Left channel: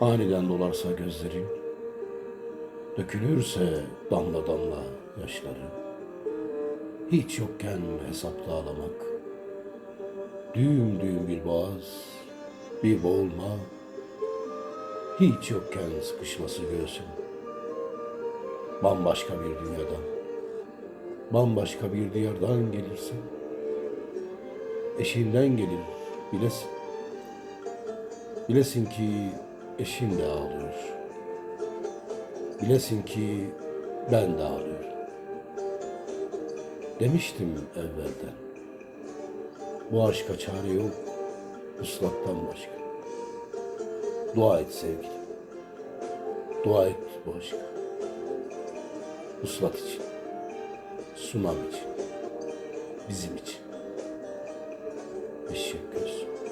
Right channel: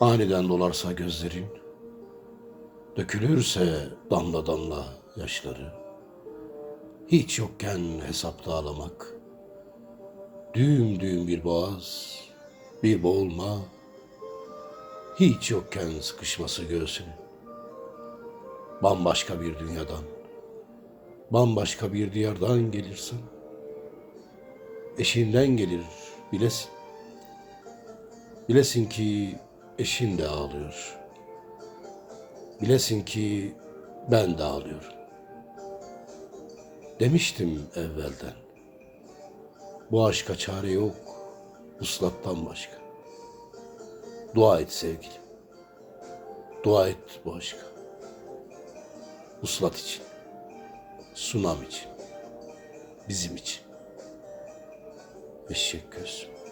Aniden dolarsa gözlerin, dökülürse damla damla yaşları, hiç yokken hesapta ağlamak, düğüm düğüm bir boğaz, bir boğulma, hiç yokken sıkışması göğsün, bambaşka bir dünyadan, bambaşka bir diyardan gelirsin, eşinden gelir bilesin. Bilesin ki eşin de ağlıyor. Bilesin ki ben de ağlıyorum. Demiştim evvelden. Bu aşka çare yok. Uslattan başka. Dua et sevgilim. Dua et bu aşka. Uslat için. Sunam için. Bizim için. Eşek gözüm.